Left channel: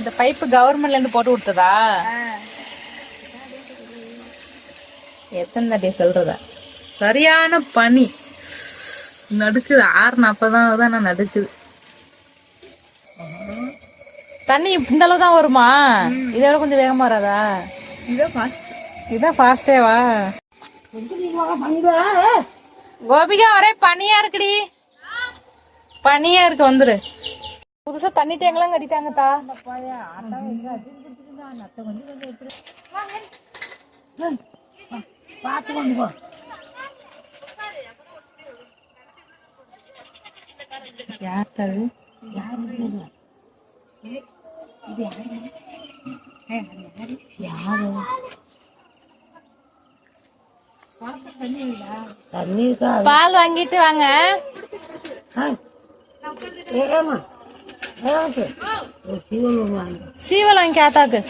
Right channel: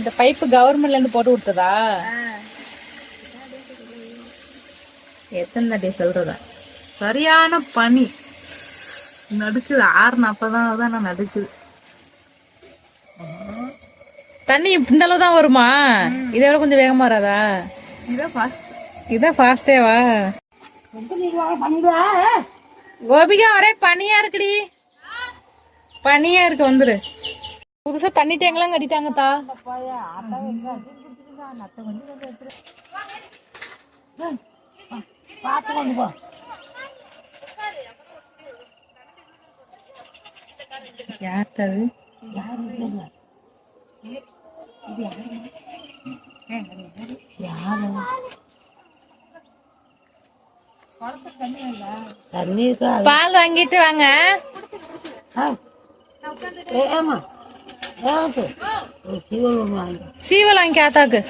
இந்த பைப்பு கவர்மெண்ட்ல இருந்து போட்டு கொடுத்ததா? எத்தனை தாட்டி சொல்றதா? சரியான பனி நடுக்குது. 6:40 தான் நடுக்குது. தண்ணி இந்த அளவு தான் வருமா? இதோட கொஞ்சம் வேகமா வராதா? இதான் ஃபாஸ்டேவா? கோபிகா ஒரே பனியா இருக்குடி. பனியா இருக்கு. வந்துரு. புதுசா தண்ணி டேங்கெல்லாம் கட்டிட்டாங்க தா. பாத்து கொண்டு போ. யார் தரு? பால் வாங்கிட்டு வாங்க. சீவல் வாங்கி ஆத்தாக்கு.